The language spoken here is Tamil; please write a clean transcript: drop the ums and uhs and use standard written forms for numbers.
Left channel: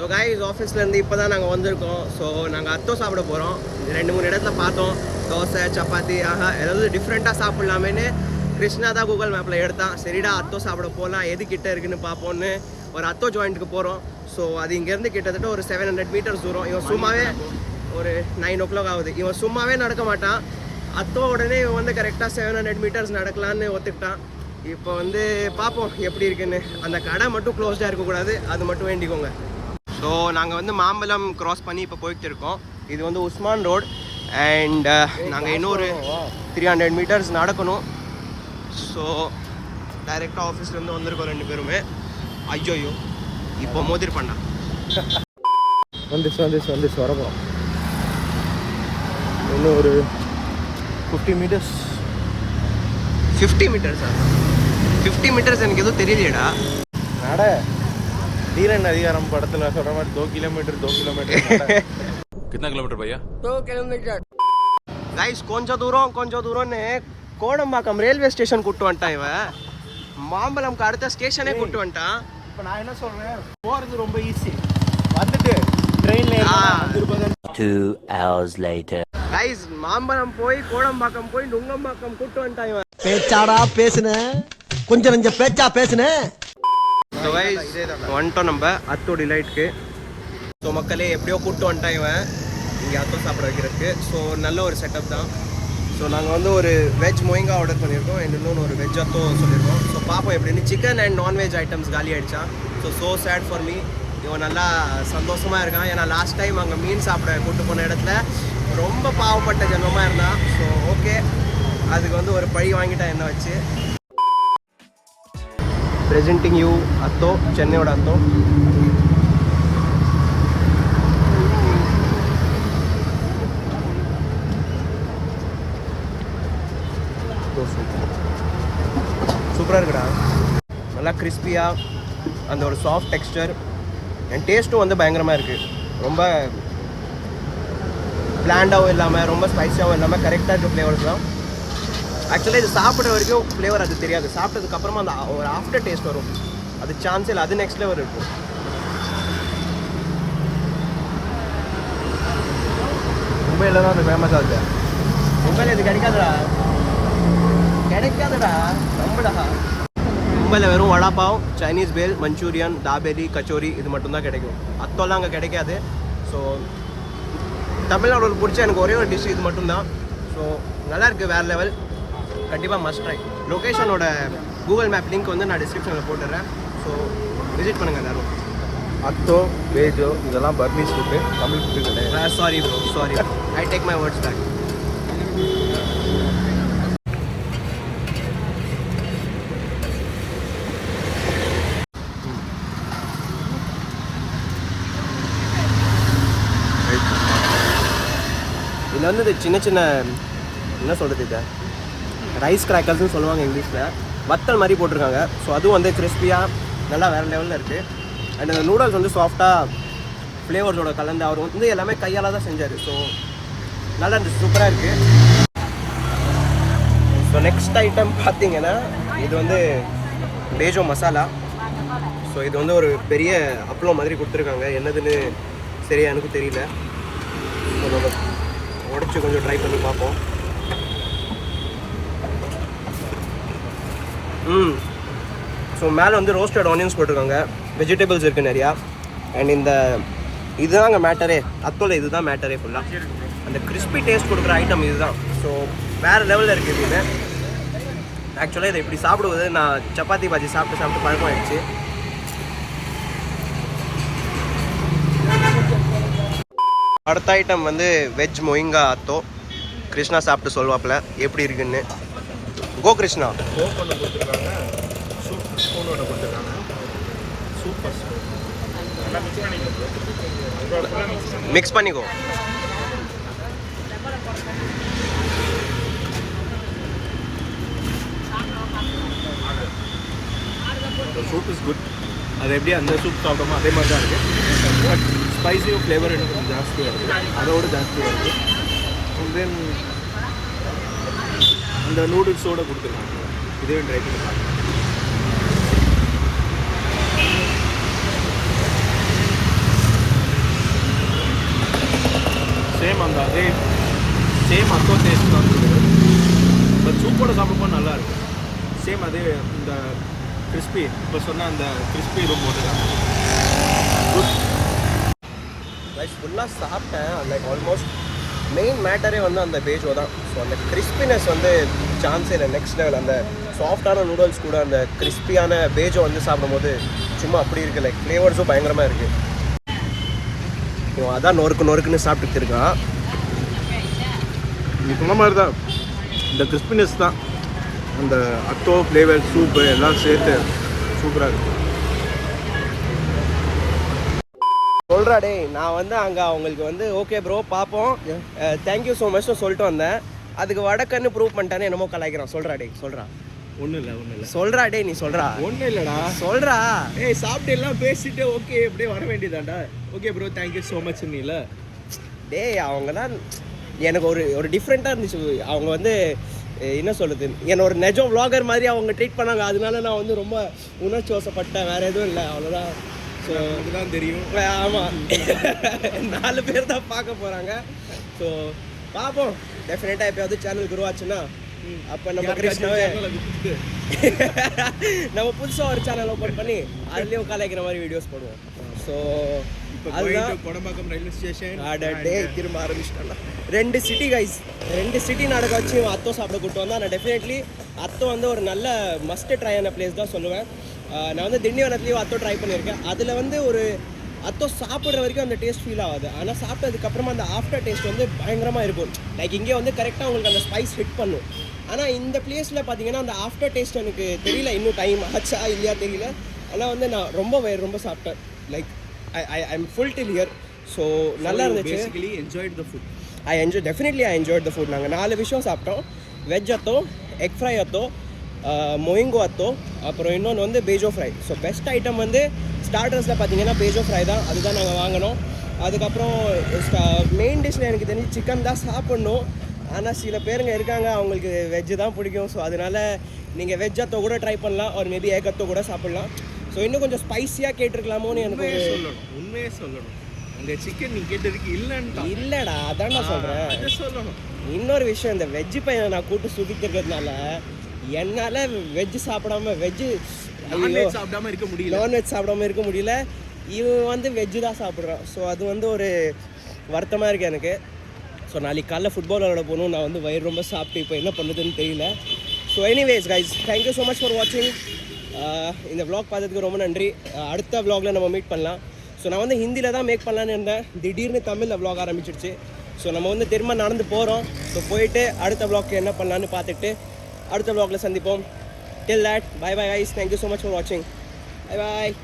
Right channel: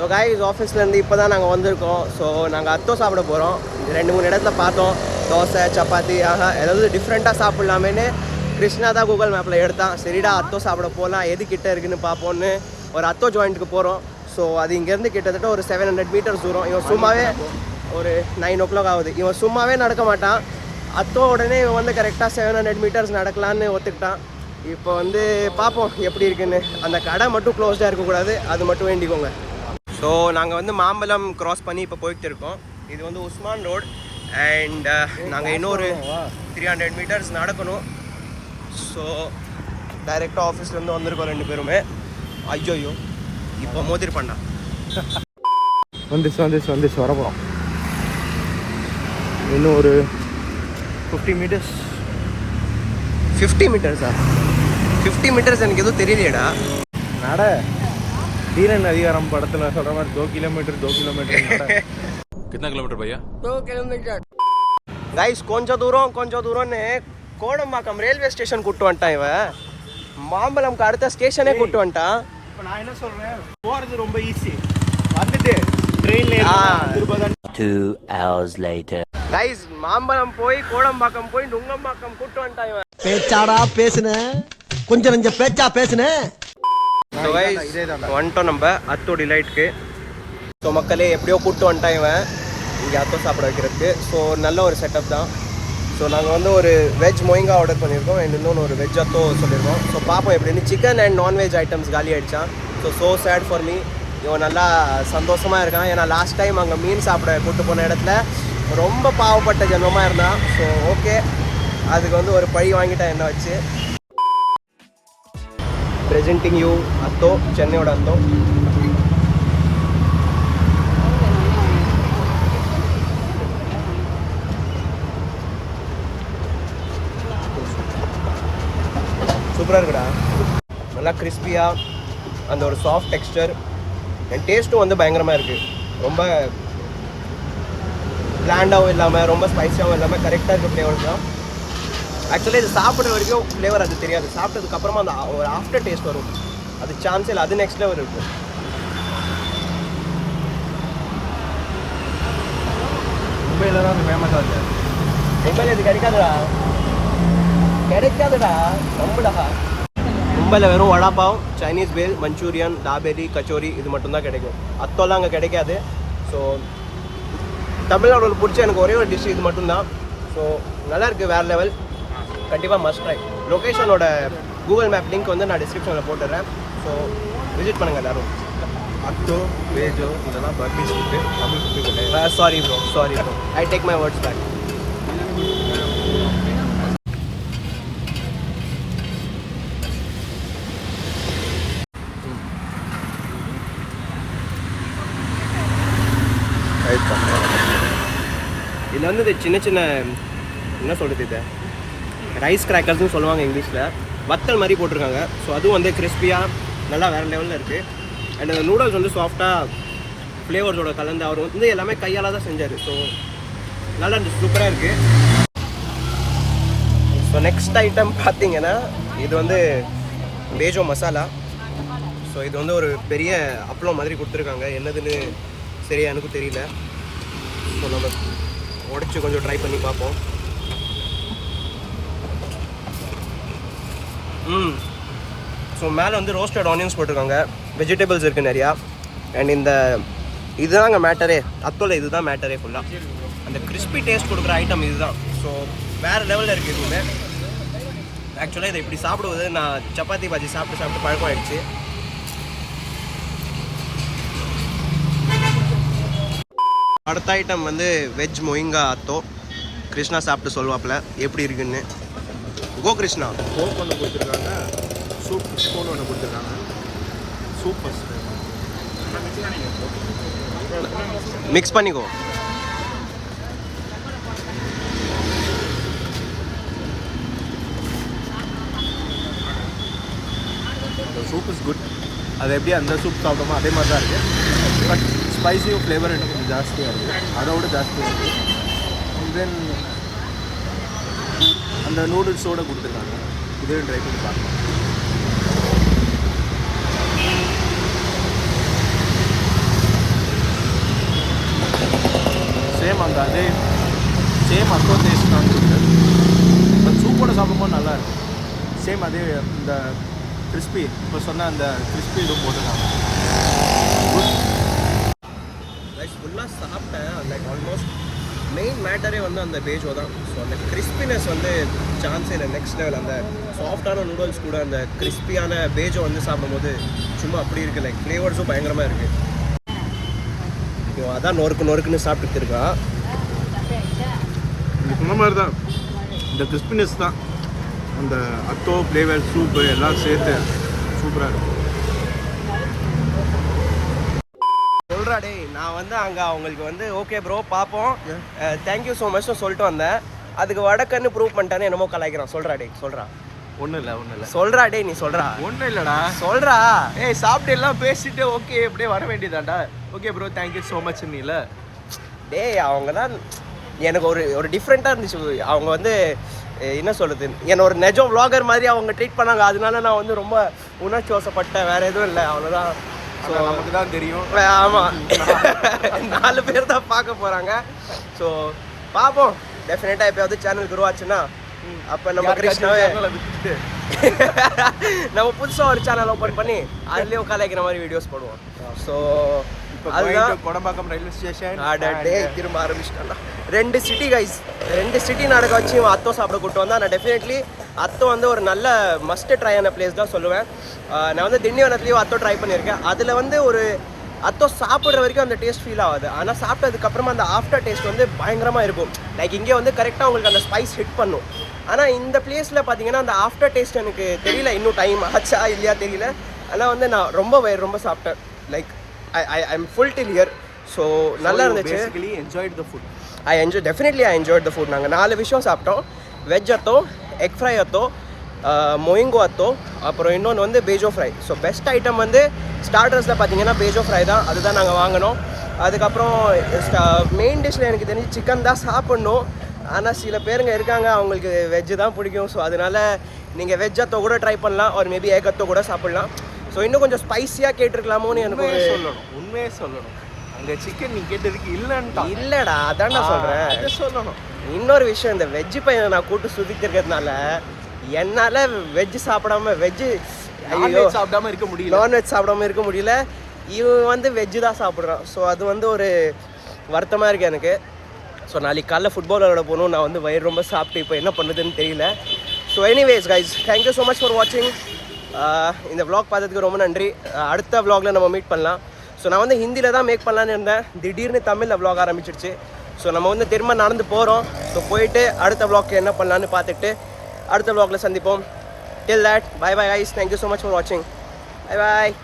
ஸோ கைஸ் ஆஃபீஸ்லேருந்து இப்போ தான் நாங்கள் வந்திருக்கோம். ஸோ நாங்கள் அத்தோ சாப்பிட போகிறோம். 2-3 இடத்துல பார்த்தோம், தோசை சப்பாத்தி ஏதாவது டிஃப்ரெண்ட்டாக சாப்பிட்லாமேன்னு கிருஷ்ணா தான் கூகுள் மேப்பில் எடுத்தான். சரிடா அத்தோ சாப்பிட போகலாம், எது கிட்ட இருக்குன்னு பார்ப்போன்னு ஒரு அத்தோ ஜாயிண்ட்டுக்கு போகிறோம். ஸோ அது இங்கேருந்து கிட்டத்தட்ட ஒரு 700 மீட்டர்ஸ் தூரம். இவன் சும்மாவே ஒரு 9 o'clock ஆகுது. இவன் சும்மாவே நடக்க மாட்டான். அத்தோ உடனே இவன் வந்து கரெக்டாக 700 மீட்டர்ஸ் நடக்கலான்னு ஒத்துக்கிட்டான். இப்போ வந்து பார்ப்போம் எப்படி இருக்குன்னு. அந்த கடை மட்டும் க்ளோஸ்டாக இருக்கக்கூடாது, அது மட்டும் வேண்டிக்கோங்க. ஸோ நாங்கள் வந்து மாம்பலம் க்ராஸ் பண்ணி இப்போ போயிட்டு இருக்கோம். இது வந்து உஸ்மான் ரோட் அண்ட் நாங்கள் இன்னொரு 300 மீட்டர்ஸ் நடக்கணும். ஸோ டைரெக்டாக ஆஃபீஸ்லேருந்து வந்திருக்கோம் 2 பேருமே. ஐயோ இப்போ மோதிர் பண்ணா வந்துச்சு வரப்போம். இன்னும் ஒரு 50 மீட்டர்ஸ். 50 மீட்டர்ஸா? 50 மீட்டர்ஸ் எனக்கு எதுவும் தெரியலையடா. நட தீரன் அதிகாரம் படத்துல சொல்ற மாதிரி 2 கிலோமீட்டர் कितना किलोमीटर भैया? 2 கிலோமீட்டர். கைஸ் கொஞ்சம் தூரம்னு கோடம்பாக்கம் ரயில்வே ஸ்டேஷன் கூட்டு வந்துட்டான் இவன். மாம்பழம்க்கு அடுத்த ஸ்டேஷனே கூட்டு வந்துட்டான். இப்போ நான் என்ன சொல்றேன், போறது ரொம்ப ஈஸி, வந்துட்டு ட்ரெயின்ல 2 hours later. கைஸ் மாம்பழம் போய் கோடம்பாக்கம் போய் நுங்கம்பாக்கம் கூட்டு வந்துட்டான் இவன். பேச்சாடா பேசுன, கொஞ்சம் நெஞ்ச பேச்சா பேசுன. ஸோ கைஸ் வந்துட்டோம் நம்ம அத்தோ டிலைட்க்கு. ஸோ மக்களே எப்படியோ கூப்பிட்டு வந்துட்டான் இவன் இங்கே அத்தோ சாப்பிட வைக்கிறதுக்கு. ஸோ நல்ல ஒரு செட்டப் தான். ஸோ நாங்கள் வந்து ஒரு வெஜ் மொயிங்கா ஆர்டர் பண்ணியிருக்கோம் அண்ட் இன்னொன்று ஒரு வெஜ் அத்தோ சொல்லியிருக்கோம். ஸோ பார்ப்போம் எப்படின்னு. சிக்கன் அண்ட் நான்வெஜ் ஐட்டம்ஸ் காலி ஆகிடுச்சான். So sad for me. இவன் நல்லா சந்தோஷமாக இருக்கான். ஏன்னா லாஸ்ட் டைம் அங்கே மீன் சாப்பிட கூப்பிட்டு போன இடத்துல ரொம்ப பாவப்பட்ட ஜென்மமாக இருந்தான். ஸோ ஓகே, அதுக்கு வந்து ஒரு பழி வாங்கிட்டான் என்ன வச்சு. presenting you அத்தோ, சென்னையோட அத்தோ. சூப்பராக இருக்குடா, நல்லா கிறிஸ்பியாக, அந்த ஒரு சாஃப்ட் டெக்ஸ்டர் அண்ட் டேஸ்ட்டும் வந்து பயங்கரமாக இருக்குது. ரொம்ப பிளாண்டாகவும் இல்லாமல் ரொம்ப ஸ்பைஸியாகவும் இல்லாமல் கரெக்டாக இருக்க ஃப்ளேவர்ஸ் தான். ஆக்சுவலி இது சாப்பிட்ற வரைக்கும் ஃப்ளேவர் அது தெரியாது. சாப்பிட்டதுக்கப்புறமா அந்த ஒரு ஆஃப்டர் டேஸ்ட் வரும், அது சான்ஸே இல்லை, அது நெக்ஸ்ட் லெவல் இருக்கும். மும்பையில் தான் ஃபேமஸாக இருக்கு. மும்பையில் இது கிடைக்காதுடா, நம்புடா. மும்பையில் வெறும் வடாப்பாவ், சைனீஸ் பேல், மஞ்சூரியன், தாபேலி, கச்சோரி இது மட்டும்தான் கிடைக்கும். அத்தோலாம் அங்கே கிடைக்காது. ஸோ தமிழ்நாடு பிடிச்ச எனக்கு ஒரே ஒரு டிஷ் இது மட்டும்தான். ஸோ நல்லாயிருக்கு, வேறு லெவல். கண்டிப்பாக மஸ்ட் ட்ரை. லொக்கேஷனோட கூகுள் மேப் லிங்க் வந்து நான் டிஸ்கிரிப்ஷனில் போட்டுடுறேன். ஸோ விசிட் பண்ணுங்கள் எல்லோரும். அத்தோ, வேஜோ இதெல்லாம் பர்மீஸ் ஃபுட்டு, தமிழ் ஃபுட்டு கிடையாது. Sorry bro, I take my words back. இதில் வந்து இது சின்ன என்ன சொல்கிறது, இதை ரைஸ் கிராக்கர்ஸ்னு சொல்லுவாங்க இங்கிலீஷில். வத்தல் மாதிரி போட்டிருக்காங்க. ஸோ அதுவும் வந்து கிறிஸ்பியாக நல்லா வேறு லெவலில் இருக்குது. அண்ட் அந்த நூடுல்ஸ் வந்து சாஃப்டாக ஃப்ளேவர்ஸோட கலந்து அவர் வந்து எல்லாமே கையால் தான் செஞ்சார். ஸோ நல்லா இருந்துச்சு, சூப்பராக இருக்குது. ஸோ நெக்ஸ்ட் ஐட்டம் பார்த்தீங்கன்னா இது வந்து பேஜோ மசாலா. ஸோ இது வந்து ஒரு பெரிய அப்பளம் மாதிரி கொடுத்துருக்காங்க. என்னதுன்னு சரியா எனக்கு தெரியல. ஸோ நம்ம உடச்சி கொஞ்சம் ட்ரை பண்ணி பார்ப்போம். ஸோ மேலே வந்து ரோஸ்டட் ஆனியன்ஸ் போட்டிருக்காங்க, வெஜிடபிள்ஸ் இருக்குது நிறையா. அண்ட் இந்த இதுதாங்க மேட்டரே, அத்தோல இதுதான் மேட்டரே ஃபுல்லாக. அந்த கிறிஸ்பி டேஸ்ட் கொடுக்குற ஐட்டம் இதுதான். ஸோ வேறு லெவலில் இருக்குது இதுவுமே. ஆக்சுவலாக இதை இப்படி சாப்பிடுவது நான் சப்பாத்தி பாஜி சாப்பிட்டு பழக்கம் ஆகிடுச்சு. அடுத்த ஐட்டம் வந்து வெஜ் மொயிங்கா அத்தோ. கிருஷ்ணா சாப்பிட்டு சொல்வாப்பில் எப்படி இருக்குன்னு. கோ கிருஷ்ணா. கோக் ஒன்று கொடுத்துருக்காங்க, சூப் ஸ்பூன் ஒன்று கொடுத்துருக்காங்க. சூப்பர் மிக்ஸ் பண்ணிக்கோ. Soup is good. அது எப்படி அந்த சூப் சாப்பிட்டோமோ அதே மாதிரி தான் இருக்குது. பட் ஸ்பைஸியும் ஃப்ளேவர் இன்னும் கொஞ்சம் ஜாஸ்தியாக இருக்குது, அதோட ஜாஸ்தியாக இருக்குது. அண்ட் தென் அந்த நூடுல்ஸோடு கொடுத்துருக்காங்க. இதையும் ட்ரை பண்ணி பார்க்கலாம். சேம் அதே சேம் அத்தோ டேஸ்ட் தான் இருக்குது. பட் சூப்போட சாப்பிடும்போது நல்லா இருக்கும். சேம் அதே இந்த கிறிஸ்பி இப்போ சொன்ன அந்த கிறிஸ்பி இதுவும் போட்டுருக்காங்க. குட். ரைஸ் ஃபுல்லாக சாப்பிட்டேன். லைக் ஆல்மோஸ்ட் மெயின் மேட்டரே வந்து அந்த பேஜோ தான். ஸோ அந்த கிறிஸ்பினஸ் வந்து சான்ஸே இல்லை. நெக்ஸ்ட் லெவல் அந்த சாஃப்டான நூடுல்ஸ் கூட அந்த கிறிஸ்பியான பேஜோ வந்து சாப்பிடும்போது சும்மா அப்படி இருக்குது. லைக் ஃப்ளேவர்ஸும் பயங்கரமாக இருக்குது. ஸோ அதான் நொறுக்குன்னு சாப்பிட்டு இருக்கான். இது சொன்ன மாதிரி தான் இந்த கிறிஸ்பினஸ் தான் அந்த அத்தோ ஃப்ளேவர் சூப்பு எல்லாம் சேர்த்து சூப்பராக இருக்குது. சொல்கிறா டே, நான் வந்து அங்கே அவங்களுக்கு வந்து ஓகே ப்ரோ பார்ப்போம் தேங்க்யூ ஸோ மச்னு சொல்லிட்டு வந்தேன். அதுக்கு வடக்கன்னு ப்ரூவ் பண்ணிட்டானே என்னமோ கலாய்க்கிறான். சொல்கிறா டே, சொல்கிறா. ஒன்றும் இல்லை சொல்கிறா டே, நீ சொல்கிறா. ஒன்றும் இல்லைடா, சொல்கிறா. ஏய் சாப்பிட்டு எல்லாம் பேசிட்டு ஓகே அப்படியே வர வேண்டியதாண்டா. Okay bro thank you so much இல்லை டே அவங்க தான் எனக்கு ஒரு டிஃப்ரெண்ட்டாக இருந்துச்சு. அவங்க வந்து என்ன சொல்கிறது, என்னை ஒரு நெஜம் vlogger மாதிரி அவங்க ட்ரீட் பண்ணாங்க. அதனால நான் வந்து ரொம்ப உணர்ச்சி வசப்பட்டேன். வேறு எதுவும் இல்லை, அவ்வளோதான். ஸோ நமக்கு தான் தெரியும். ஆமாம், 4 பேர் தான் பார்க்க போகிறாங்க. ஸோ பார்ப்போம். டெஃபினட்டாக எப்போயாவது சேனல் குரோ ஆச்சுன்னா அப்போ நம்ம கிருஷ்ணாவே நம்ம புதுசாக ஒரு சேனல் ஓப்பன் பண்ணி அதுலேயும் கலாய்க்கிற மாதிரி வீடியோஸ் போடுவோம். ஸோ அதுதான் கொடம்பாக்கம் ரயில்வே ஸ்டேஷன். டே திரும்ப ஆரம்பிச்சிட்டேன்டா. 2 சிட்டி கைஸ், 2 சிட்டி நடக்க வச்சு அத்தோ சாப்பிட கூட்டு வந்தால் நான் டெஃபினெட்லி அத்தோ வந்து ஒரு நல்ல மஸ்ட் ட்ரை ஆன பிளேஸ் தான் சொல்லுவேன். நான் வந்து திண்டிவனத்துலேயும் அத்தோ ட்ரை பண்ணியிருக்கேன். அதில் வந்து ஒரு அத்தோ சாப்பிட்ற வரைக்கும் அந்த டேஸ்ட் ஃபீல் ஆகாது. ஆனால் சாப்பிட்டதுக்கப்புறமா அந்த ஆஃப்டர் டேஸ்ட் வந்து பயங்கரமாக இருக்கும். லைக் இங்கே வந்து கரெக்டாக உங்களுக்கு அந்த ஸ்பைஸ் ஹிட் பண்ணும். ஆனால் இந்த பிளேஸில் பார்த்தீங்கன்னா அந்த ஆஃப்டர் டேஸ்ட் எனக்கு தெரியல, இன்னும் டைம் ஆச்சா இல்லையா தெரியல. ஆனால் வந்து நான் ரொம்ப சாப்பிட்டேன். Like I am full till here. So நல்லா இருந்துச்சு. Definitely I enjoyed the food. நாங்கள் 4 விஷயம் சாப்பிட்டோம். Veg atho, egg fry atho, mohinga atho, அப்புறம் இன்னொன்று வந்து பேஜோ ஃப்ரை. ஸோ பெஸ்ட் ஐட்டம் வந்து ஸ்டார்டர்ஸில் பார்த்தீங்கன்னா பேஜோ ஃப்ரை தான். அதுதான் நாங்கள் வாங்கினோம். அதுக்கப்புறம் மெயின் டிஷ்ஷில் எனக்கு தெரிஞ்சு சிக்கன் தான் சாப்பிட்ணும். ஆனால் சில பேருங்க இருக்காங்க அவங்களுக்கு வெஜ்ஜு தான் பிடிக்கும். ஸோ அதனால் நீங்கள் வெஜ் அத்தோ கூட ட்ரை பண்ணலாம். ஒரு மேபி எக் அத்தோ கூட சாப்பிட்லாம். ஸோ இன்னும் கொஞ்சம் ஸ்பைஸியாக கேட்டிருக்கலாமோன்னு எனக்கு ஒரு உண்மையே சொல்லணும். அங்கே சிக்கன் நீ கேட்டதுக்கு இல்லைடா, அதான் நான் சொல்கிறேன். சொல்லணும். இன்னொரு விஷயம், இந்த வெஜ்ஜு பையனை நான் கூட்டு சுற்றிக்கிறதுனால என்னால் வெஜ்ஜு சாப்பிடாம ஐயோ சாப்பிடாம இருக்க முடியல, நான்வெஜ் சாப்பிடாம இருக்க முடியல. இவன் வந்து வெஜ்ஜு தான் சாப்பிட்றான். ஸோ அது வந்து ஒரு வருத்தமாக இருக்குது எனக்கு. ஸோ நாளைக்கு காலைல ஃபுட்பால் விளையாட போகணும். நான் வந்து வயிறு ரொம்ப சாப்பிட்டு இப்போ என்ன பண்ணுறதுன்னு தெரியல. So anyways guys, thank you so much for வாட்சிங். இந்த வ்ளாக் பார்த்ததுக்கு ரொம்ப நன்றி. அடுத்த வ்ளாகில் நம்ம மீட் பண்ணலாம். ஸோ நான் வந்து ஹிந்தியில் தான் மேக் பண்ணலான்னு இருந்தேன். திடீர்னு தமிழில் வ்ளாக் ஆரம்பிச்சிடுச்சு. ஸோ நம்ம வந்து திரும்ப நடந்து போகிறோம். ஸோ போயிட்டு அடுத்த வ்ளாக்கு என்ன பண்ணலான்னு பார்த்துட்டு அடுத்த வ்ளாகில் சந்திப்போம். Till that, bye bye guys. Thank you so much for watching. Bye bye.